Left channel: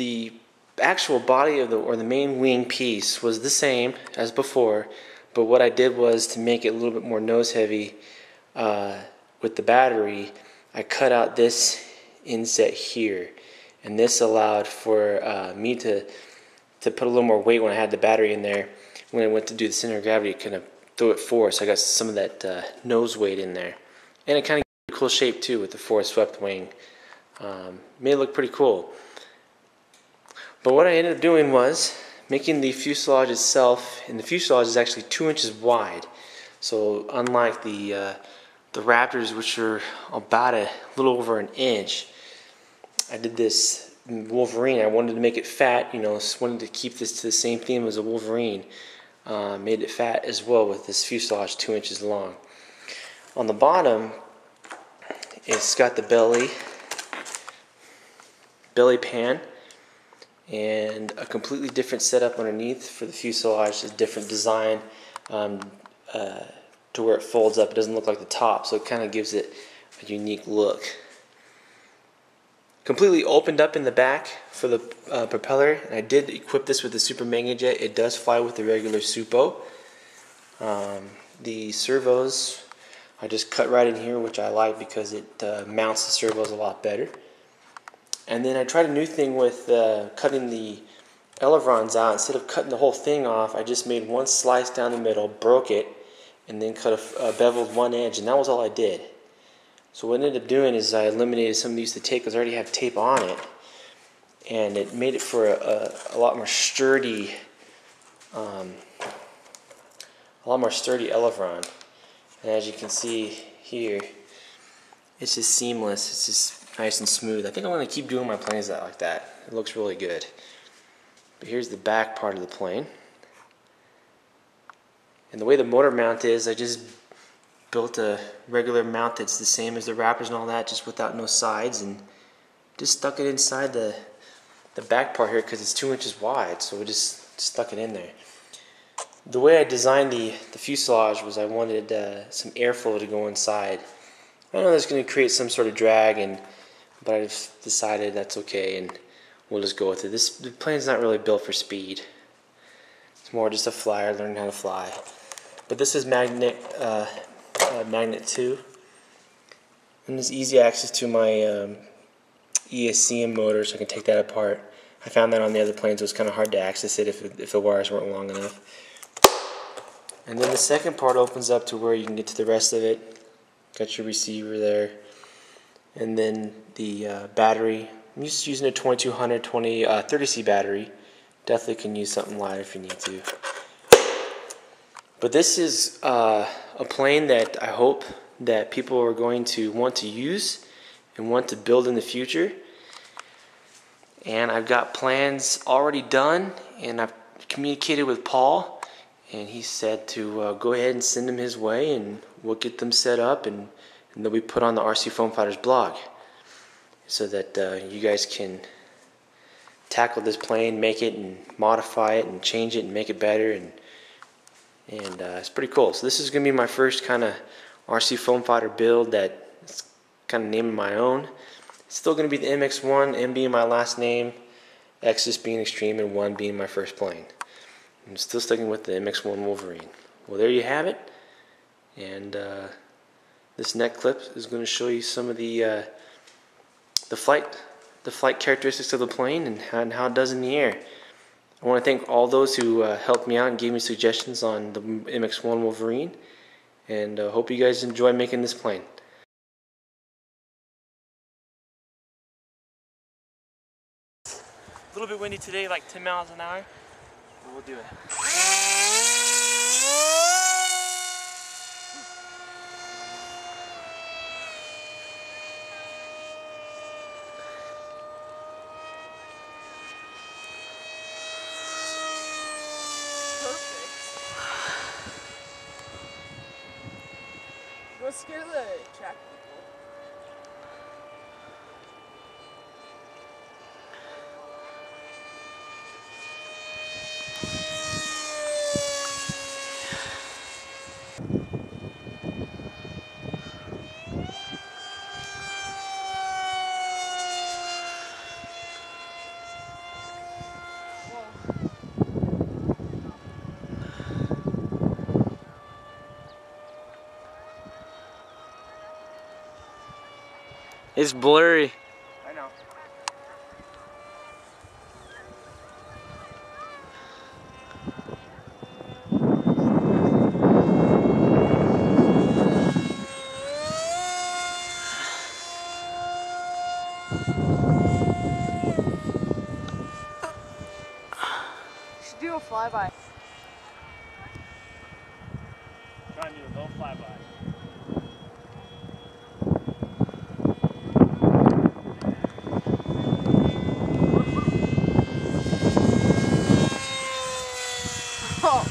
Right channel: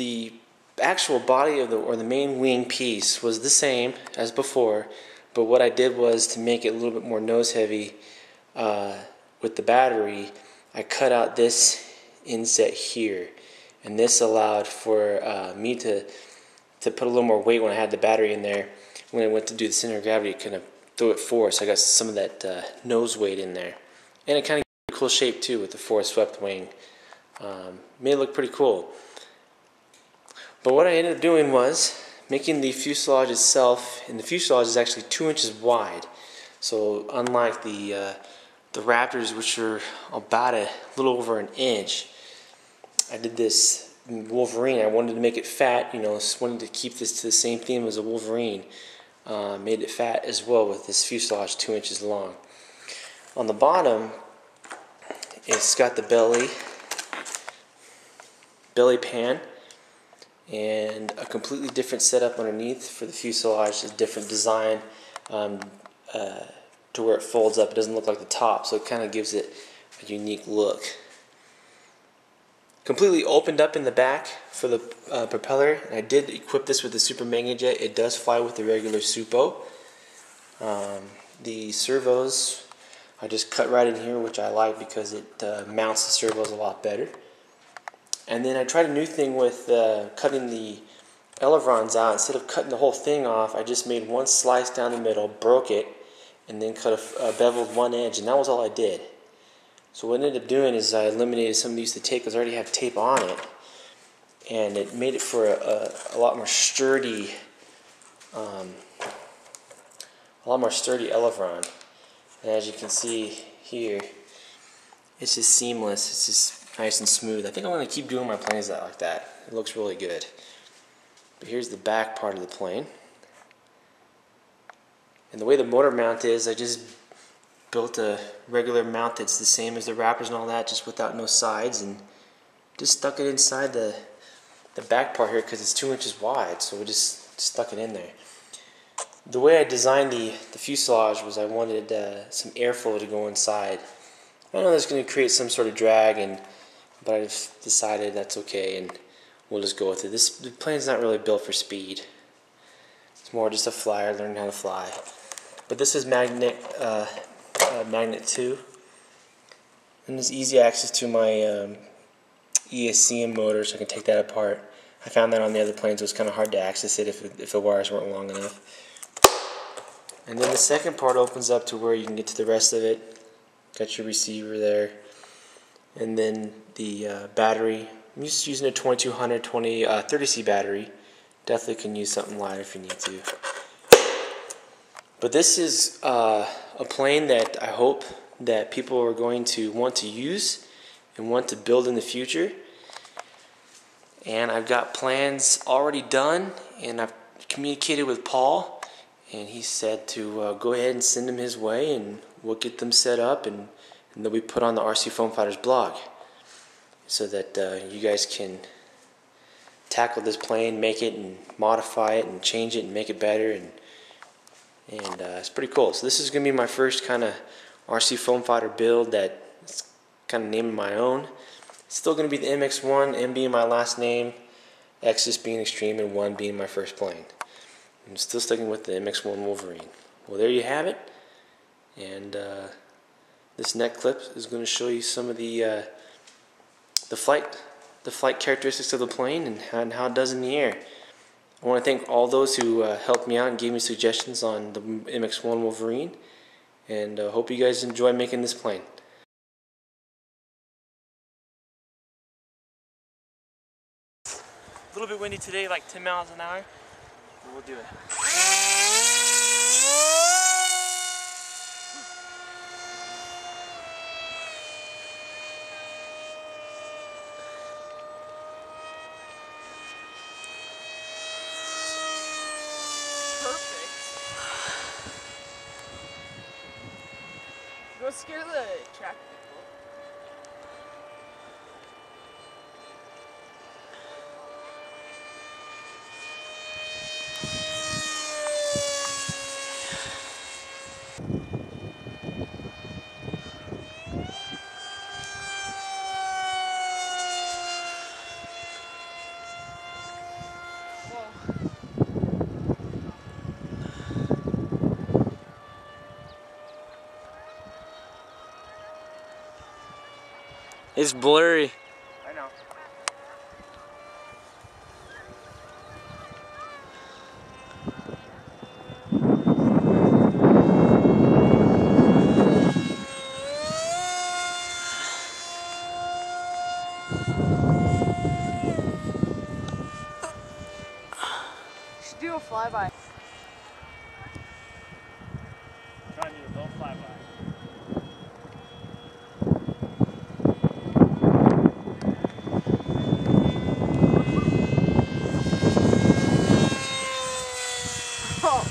the actual body of the main wing piece was the same as before, but what I did was to make it a little bit more nose heavy with the battery. I cut out this inset here, and this allowed for me to put a little more weight when I had the battery in there. When I went to do the center of gravity, it kind of threw it forward, so I got some of that nose weight in there, and it kind of gave a cool shape too with the forward swept wing. Made it look pretty cool. But what I ended up doing was making the fuselage itself, and the fuselage is actually 2 inches wide. So unlike the Raptors, which are about a little over an inch, I did this Wolverine. I wanted to make it fat, just wanted to keep this to the same theme as a Wolverine. Made it fat as well with this fuselage 2 inches long. On the bottom, it's got the belly pan, and a completely different setup underneath for the fuselage, a different design to where it folds up. It doesn't look like the top, so it kind of gives it a unique look. Completely opened up in the back for the propeller, and I did equip this with the Super Mega Jet. It does fly with the regular Supo. The servos I just cut right in here, which I like because it mounts the servos a lot better. And then I tried a new thing with cutting the ailerons out. Instead of cutting the whole thing off, I just made one slice down the middle, broke it, and then cut a beveled one edge, and that was all I did. So what I ended up doing is I eliminated some of these to tape because I already have tape on it, and it made it for a lot more sturdy, aileron. And as you can see here, it's just seamless. It's just nice and smooth. I think I'm going to keep doing my planes like that. It looks really good. But here's the back part of the plane. And the way the motor mount is, I just built a regular mount that's the same as the Raptors and all that, just without no sides, and just stuck it inside the back part here because it's 2 inches wide, so we just stuck it in there. The way I designed the fuselage was I wanted some airflow to go inside. I know that's going to create some sort of drag, but I just decided that's okay, and we'll just go with it. The plane's not really built for speed. It's more just a flyer, learning how to fly. But this is magnet 2, and there's easy access to my ESCM motor, so I can take that apart. I found that on the other planes it was kind of hard to access it if the wires weren't long enough. And then the second part opens up to where you can get to the rest of it. Got your receiver there, and then the battery. I'm just using a 2200 30C battery. Definitely can use something lighter if you need to. But this is a plane that I hope that people are going to want to use and want to build in the future. And I've got plans already done, and I've communicated with Paul, and he said to go ahead and send them his way, and we'll get them set up, and they'll be put on the RC Foam Fighters blog so that you guys can tackle this plane, make it and modify it and change it and make it better, and it's pretty cool. So this is going to be my first kind of RC Foam Fighter build that's kind of naming my own. It's still going to be the MX-1, M being my last name, X just being Extreme, and 1 being my first plane. I'm still sticking with the MX-1 Wolverine. Well, there you have it. And this next clip is going to show you some of the flight characteristics of the plane and how it does in the air. I want to thank all those who helped me out and gave me suggestions on the MX-1 Wolverine, and hope you guys enjoy making this plane. A little bit windy today, like 10 miles an hour, but we'll do it. Don't scare the track people. It's blurry. I know. You should do a flyby. Try and do a low flyby. Oh.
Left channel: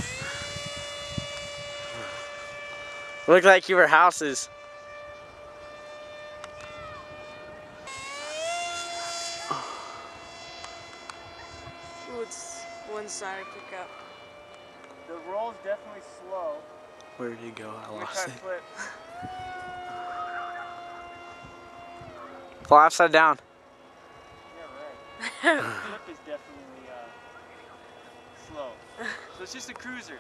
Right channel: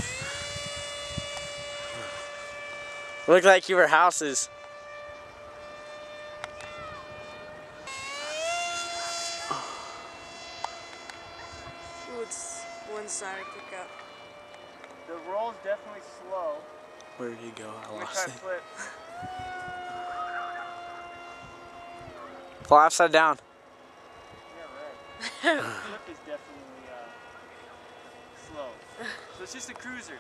Looked like you were houses. Ooh, it's one-sided pickup. The roll's definitely slow. Where did he go? I I'm gonna lost try it. to flip. Fly upside down. Yeah, right. Flip is definitely slow. So it's just a cruiser.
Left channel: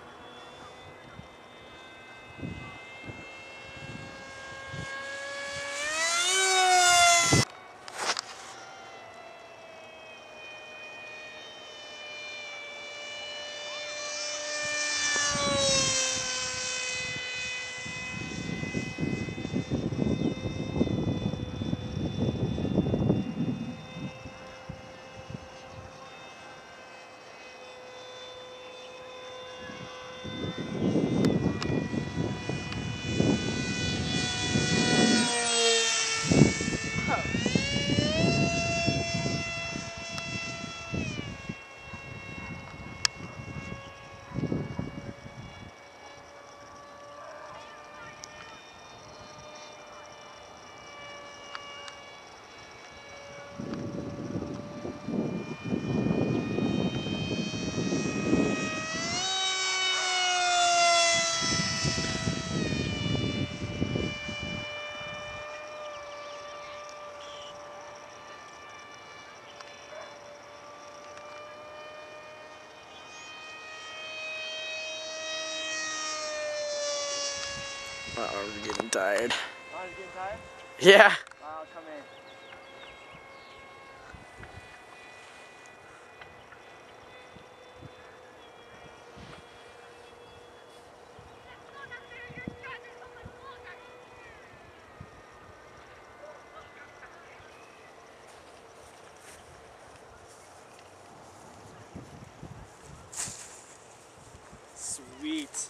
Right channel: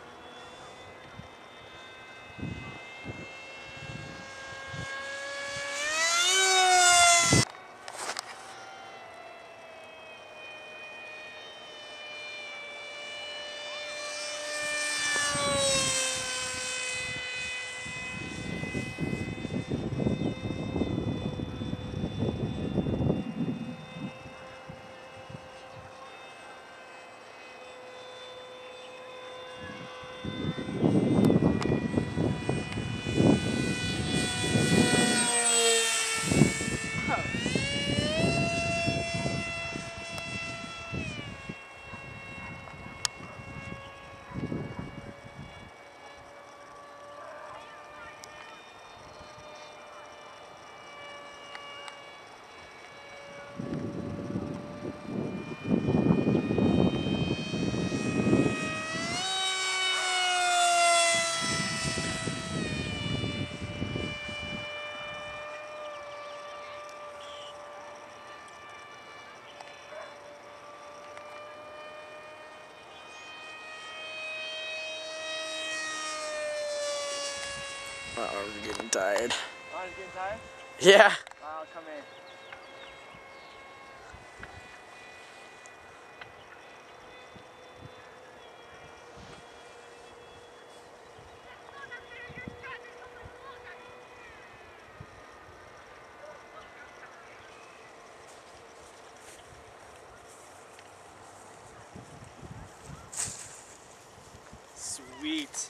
I'm getting tired. Oh, it's getting tired? Yeah. I'll come in. Sweet.